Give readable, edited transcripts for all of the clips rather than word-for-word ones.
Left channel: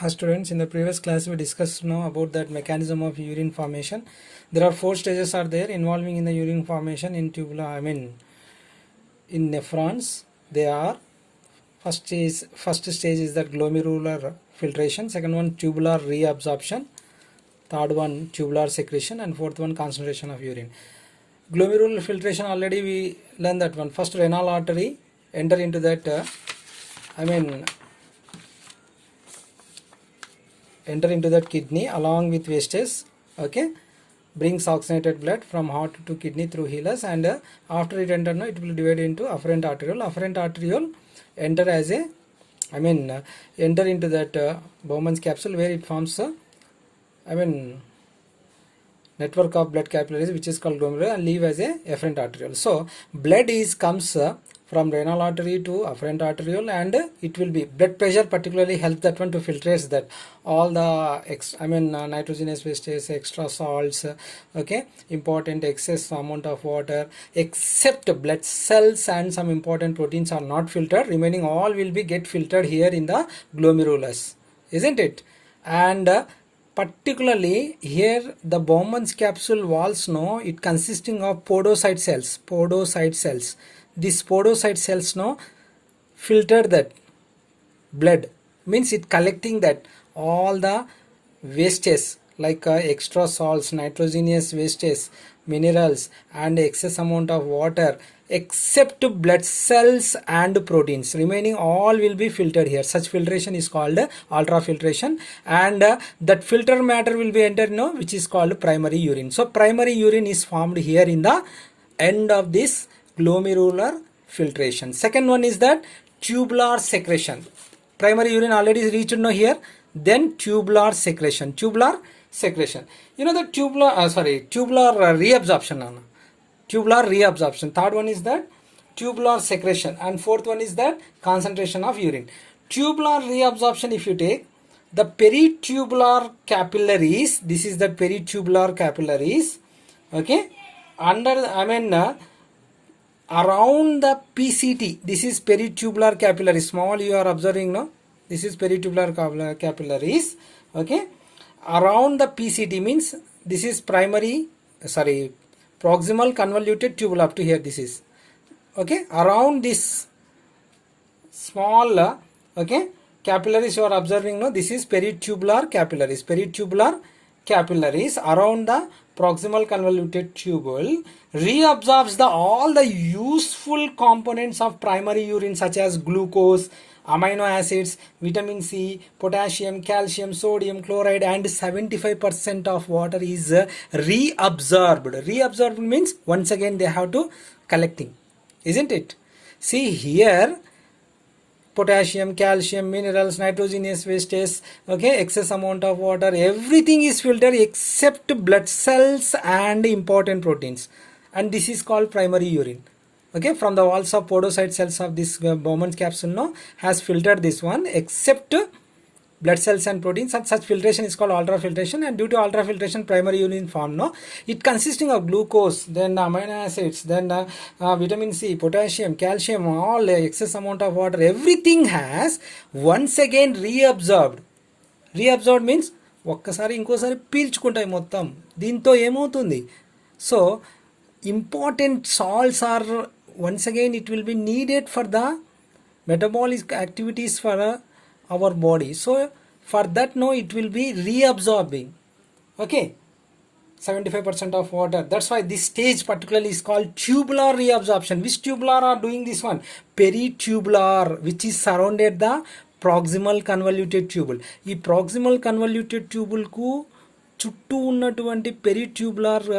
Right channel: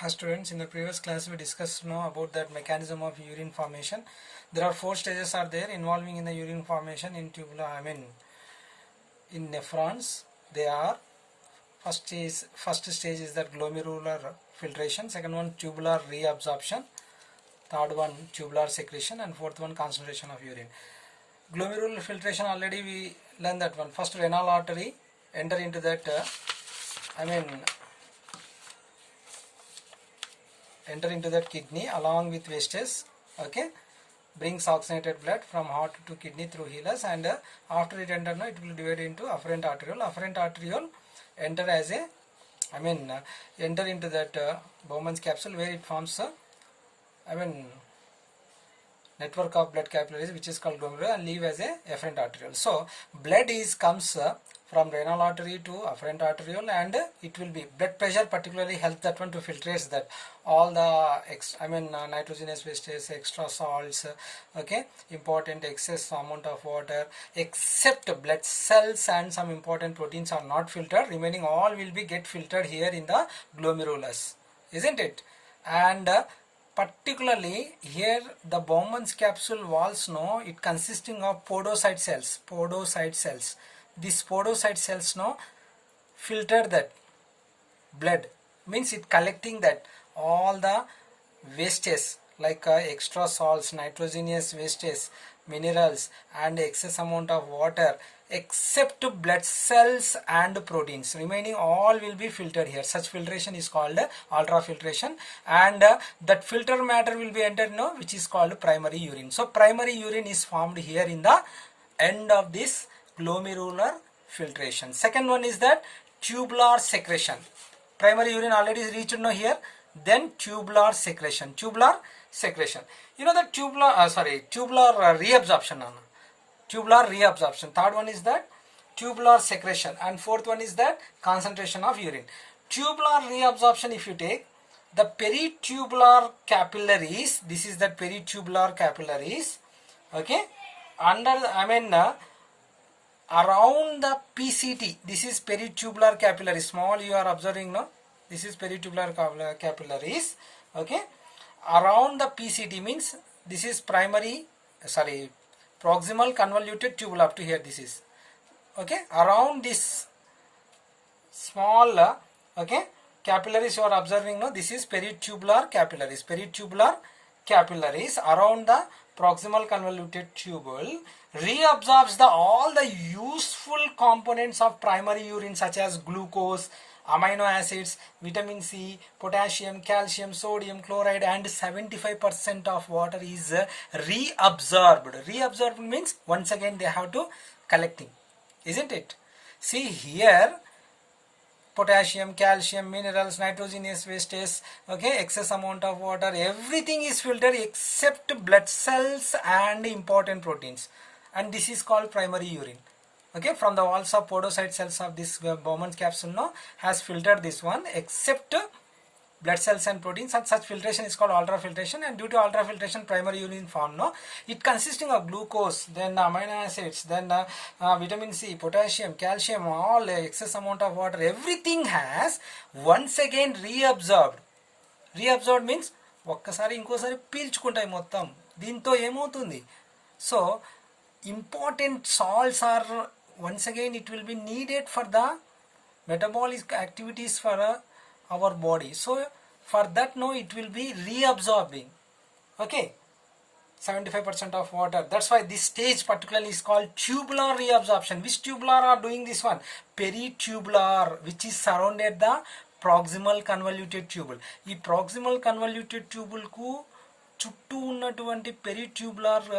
Hi students, in the previous class we discussed now about that mechanism of urine formation. There are 4 stages are there involving in the urine formation in tubular, in nephrons. They are first stage is that glomerular filtration, second one tubular reabsorption, third one tubular secretion, and fourth one concentration of urine. Glomerular filtration already we learned that one. First renal artery enter into that enter into that kidney along with wastes, okay, brings oxygenated blood from heart to kidney through hilus, and after it enter, it will divide into afferent arteriole enter as a enter into that Bowman's capsule, where it forms network of blood capillaries, which is called glomerular, and leave as a afferent arteriole. So blood comes from renal artery to afferent arteriole, and it will be blood pressure particularly helps that one to filtrate that all the nitrogenous wastes, extra salts, okay, important excess amount of water, except blood cells and some important proteins are not filtered. Remaining all will be get filtered here in the glomerulus, isn't it? And particularly here the Bowman's capsule walls, it consisting of podocyte cells. These podocyte cells filter that blood, means it collecting that all the wastes like extra salts, nitrogenous wastes, minerals, and excess amount of water, except blood cells and proteins. Remaining all will be filtered here. Such filtration is called ultrafiltration, and that filter matter will be entered which is called primary urine. So primary urine is formed here in the end of this glomerular filtration. Second one is that tubular secretion. Primary urine already is reached here. Then tubular secretion. You know the tubular reabsorption. Tubular reabsorption. Third one is that tubular secretion, and fourth one is that concentration of urine. Tubular reabsorption, if you take the peritubular capillaries, this is the peritubular capillaries, okay, under around the PCT, this is peritubular capillaries. Small you are observing, this is peritubular capillaries, okay. Around the PCT means this is proximal convoluted tubule up to here, this is, okay. Around this small capillaries you are observing, this is peritubular capillaries around the proximal convoluted tubule reabsorbs all the useful components of primary urine, such as glucose, amino acids, vitamin C, potassium, calcium, sodium, chloride, and 75% of water is reabsorbed. Reabsorbed means once again they have to collecting, isn't it? See here, potassium, calcium, minerals, nitrogenous wastes, okay, excess amount of water, everything is filtered except blood cells and important proteins, and this is called primary urine, okay. From the walls of podocyte cells of this Bowman's capsule has filtered this one except blood cells and proteins, and such filtration is called ultrafiltration. And due to ultrafiltration, primary urine form, it consisting of glucose, then amino acids, then vitamin C, potassium, calcium, all excess amount of water, everything has once again reabsorbed. Reabsorbed means ఒక్కసారి ఇంకోసారి పీల్చుకుంటాయి మొత్తం. దీంతో ఏమవుతుంది? So important salts are once again it will be needed for the metabolic activities for our body. So for that it will be reabsorbing, okay, 75% of water. That's why this stage particularly is called tubular reabsorption. Which tubular are doing this one? Peritubular, which is surrounded the proximal convoluted tubule. ఈ proximal convoluted tubule కు చుట్టూ ఉన్నటువంటి పెరిట్యూబులర్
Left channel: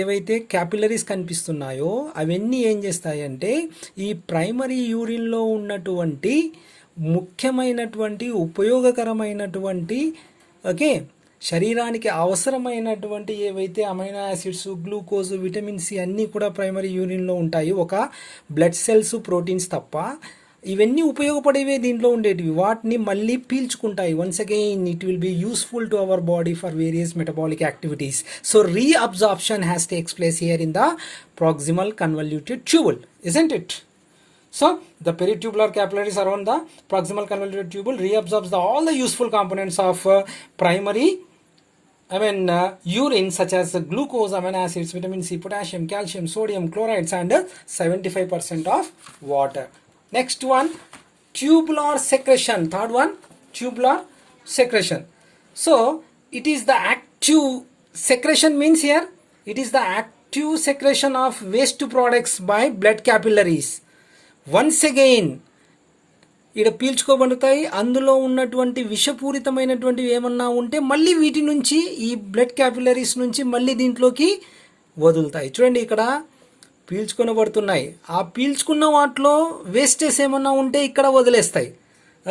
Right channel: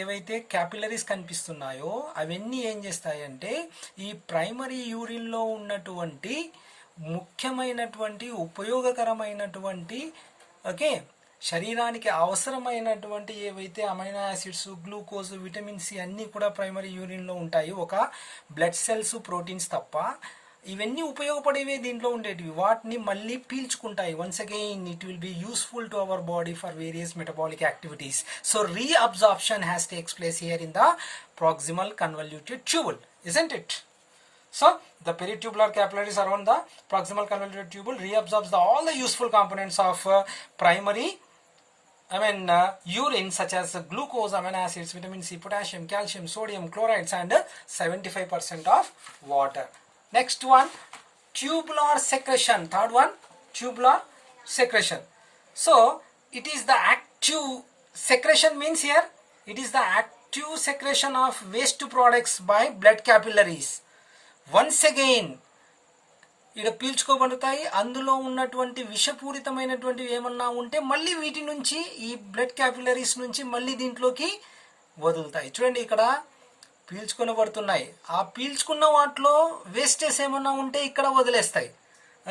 ఏవైతే capillaries కనిపిస్తున్నాయో అవన్నీ ఏం చేస్తాయంటే ఈ primary యూరిన్లో ఉన్నటువంటి ముఖ్యమైనటువంటి ఉపయోగకరమైనటువంటి, ఓకే, శరీరానికి అవసరమైనటువంటి ఏవైతే amino acids, glucose, vitamin C అన్నీ కూడా ప్రైమరీ యూరిన్లో ఉంటాయి, ఒక బ్లడ్ సెల్స్, ప్రోటీన్స్ తప్ప. ఇవన్నీ ఉపయోగపడేవే దీంట్లో ఉండేటివి, వాటిని మళ్ళీ పీల్చుకుంటాయి. Once again it will be useful to our body for various metabolic activities. So reabsorption has takes place here in the proximal convoluted tubule, isn't it? So the peritubular capillaries around the proximal convoluted tubule reabsorbs all the useful components of primary urine, such as glucose, amino acids, vitamin C, potassium, calcium, sodium, chlorides, and 75% of water. Next one, tubular secretion. Third one, tubular secretion. So it is the active secretion, means here it is the active secretion of waste products by blood capillaries. Once again, ఇక్కడ పీల్చుకోబడతాయి. అందులో ఉన్నటువంటి విషపూరితమైనటువంటివి ఏమన్నా ఉంటే మళ్ళీ వీటి నుంచి ఈ blood capillaries నుంచి మళ్ళీ దీంట్లోకి వదులుతాయి. చూడండి ఇక్కడ పీల్చుకొనబడుతున్నాయి. ఆ పీల్చుకున్న వాటిలో వేస్టేజ్ ఏమన్నా ఉంటే ఇక్కడ వదిలేస్తాయి.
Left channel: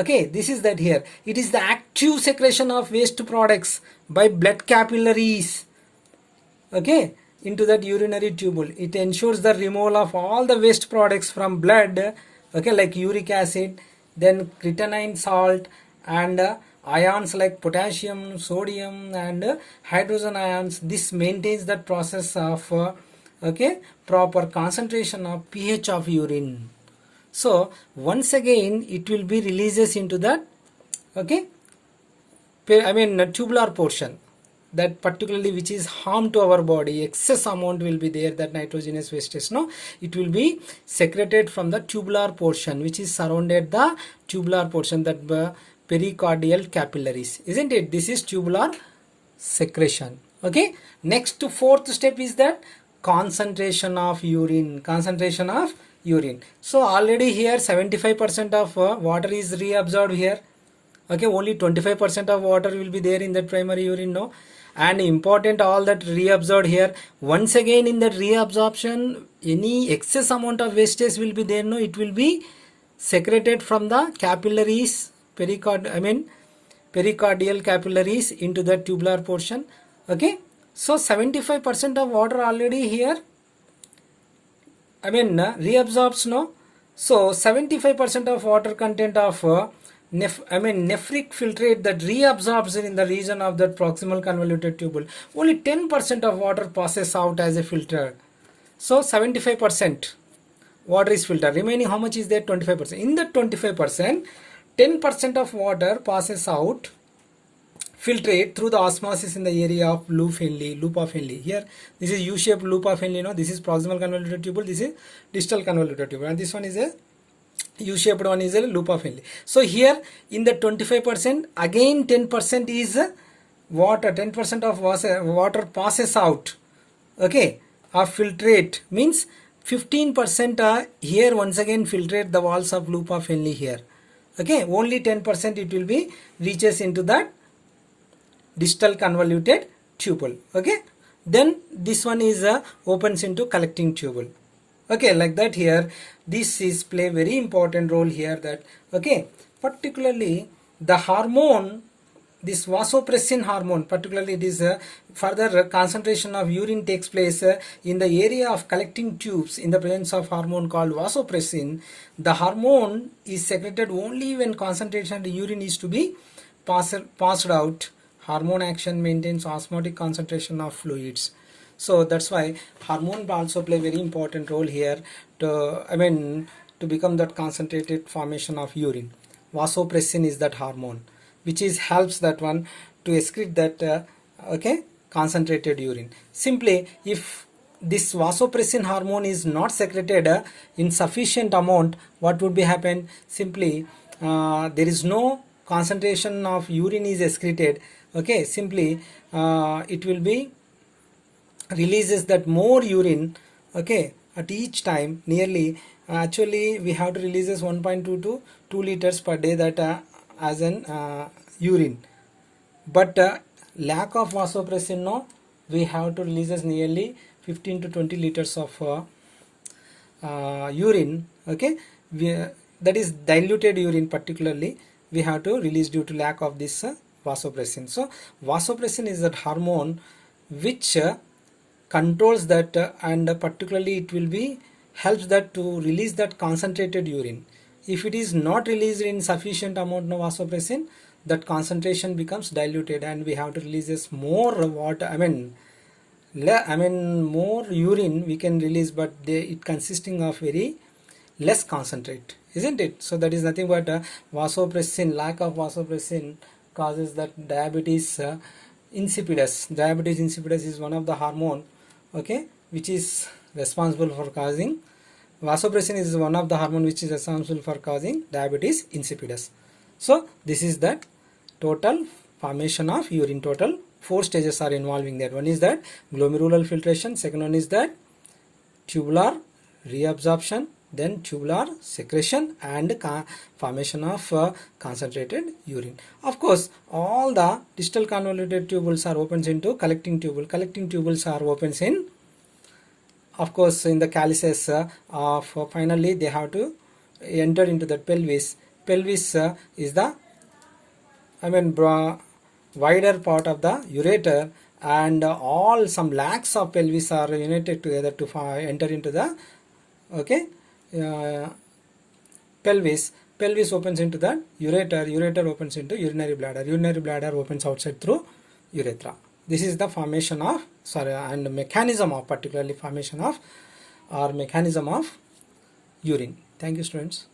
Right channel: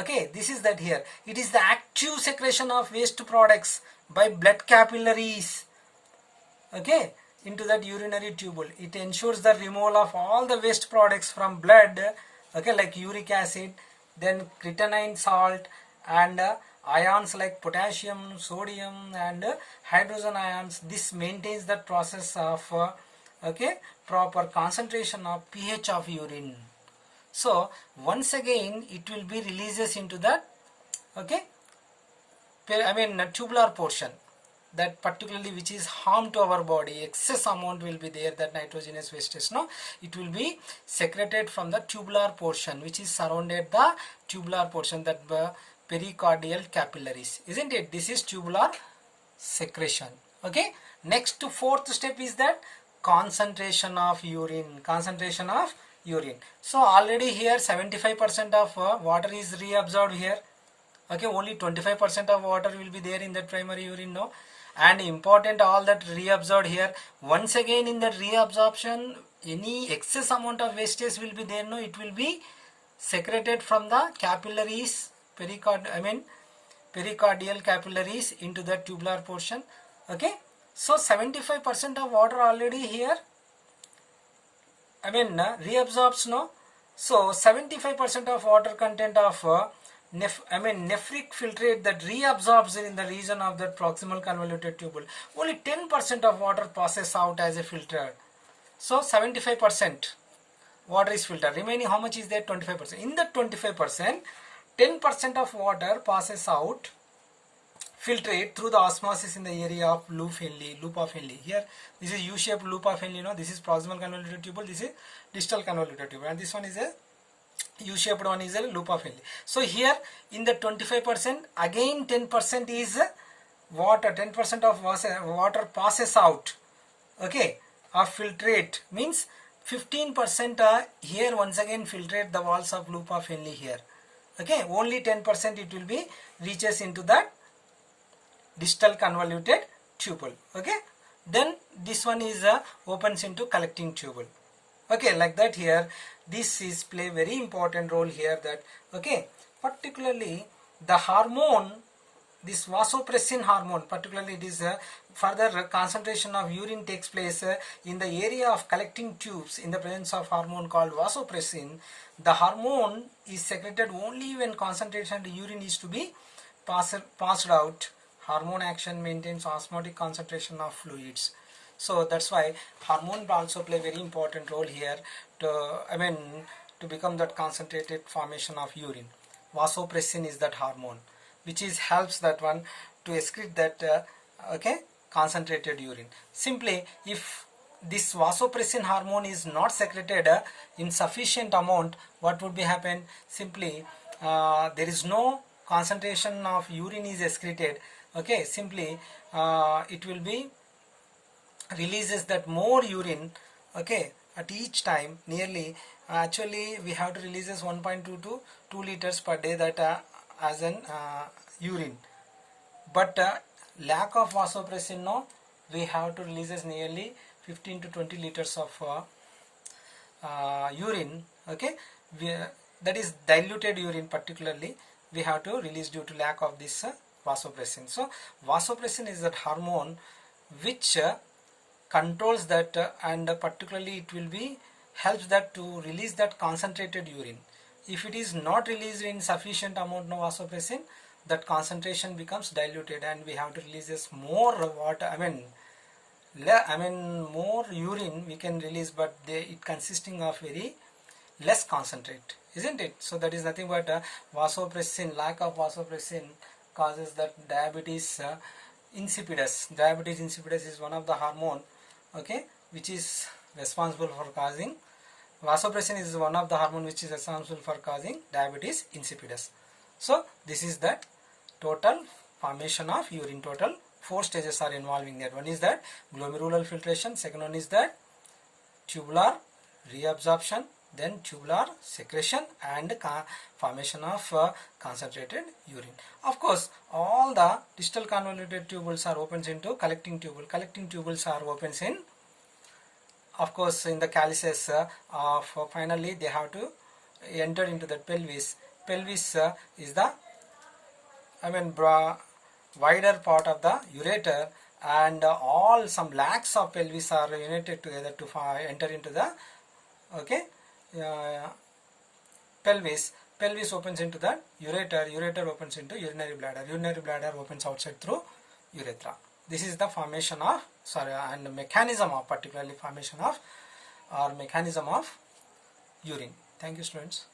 Okay, this is that here. It is the active secretion of waste products by blood capillaries. Okay, into that urinary tubule. It ensures the removal of all the waste products from blood, okay, like uric acid, then creatinine salt, and ions like potassium, sodium, and hydrogen ions. This maintains the process of okay, proper concentration of pH of urine. So once again it will be releases into that, okay, tubular portion, that particularly which is harm to our body. Excess amount will be there, that nitrogenous wastage, no, it will be secreted from the tubular portion which is surrounded the tubular portion, that pericardial capillaries, isn't it? This is tubular secretion. Okay, next fourth step is that concentration of urine. Concentration of urine. So already here 75% of water is reabsorbed here. Okay, only 25% of water will be there in that primary urine, no, and important, all that reabsorbed here. Once again in that reabsorption, any excess amount of wastage will be there, no, it will be secreted from the capillaries, pericardial capillaries into the tubular portion. Okay, so 75% of water already here reabsorbs, no. So 75% of water content of nephric filtrate that reabsorbs in the region of that proximal convoluted tubule. Only 10% of water passes out as a filter. So 75% water is filtered. Remaining how much is there? 25%. In that 25%, 10% of water passes out, filtrate through the osmosis in the area of loop of Henle. Here this is U-shaped loop of Henle, no, this is proximal convoluted tubule, this is distal convoluted tubule, and this one is a U-shaped one, is a loop of Henle. So here in the 25%, again 10% is water, 10% of water passes out, okay, of filtrate, means 15% here once again filtrate the walls of loop of Henle here. Okay, only 10% it will be reaches into that distal convoluted tubule. Okay, then this one is opens into collecting tubule. Okay, like that here. This is play very important role here, that okay, particularly the hormone, this vasopressin hormone, particularly it is further concentration of urine takes place in the area of collecting tubes in the presence of hormone called vasopressin. The hormone is secreted only when concentration of the urine is to be passed out. Hormone action maintains osmotic concentration of fluids. So that's why hormone also play very important role here to to become that concentrated formation of urine. Vasopressin is that hormone which is helps that one to excrete that okay, concentrated urine. Simply if this vasopressin hormone is not secreted in sufficient amount, what would be happen? Simply there is no concentration of urine is excreted. Okay, simply it will be releases that more urine, okay, at each time. Nearly actually we have to releases 1.2 to 2 liters per day, that as an urine, but lack of vasopressin, no, we have to releases nearly 15 to 20 liters of urine. Okay, that is diluted urine, particularly we have to release due to lack of this vasopressin. So vasopressin is that hormone which controls that and particularly it will be helps that to release that concentrated urine. If it is not released in sufficient amount of vasopressin, that concentration becomes diluted and we have to release more water, more urine we can release, but it consisting of very less concentrate, isn't it? So that is nothing but vasopressin. Lack of vasopressin causes that diabetes insipidus. Diabetes insipidus is one of the hormone, okay, which is responsible for causing, vasopressin is one of the hormone which is responsible for causing diabetes insipidus. So this is the total formation of urine. Total 4 stages are involving there. One is that glomerular filtration, second one is that tubular reabsorption, then tubular secretion and formation of concentrated urine. Of course, all the distal convoluted tubules are opens into collecting tubule. Collecting tubules are opens in, of course, in the calyces finally they have to enter into the pelvis. Pelvis is the, wider part of the ureter, and all some lakhs of pelvis are united together to enter into the, okay, pelvis. Pelvis opens into the ureter. Ureter opens into urinary bladder. Urinary bladder opens outside through urethra. This is the formation of, and mechanism of, particularly formation of or mechanism of urine. Thank you, students.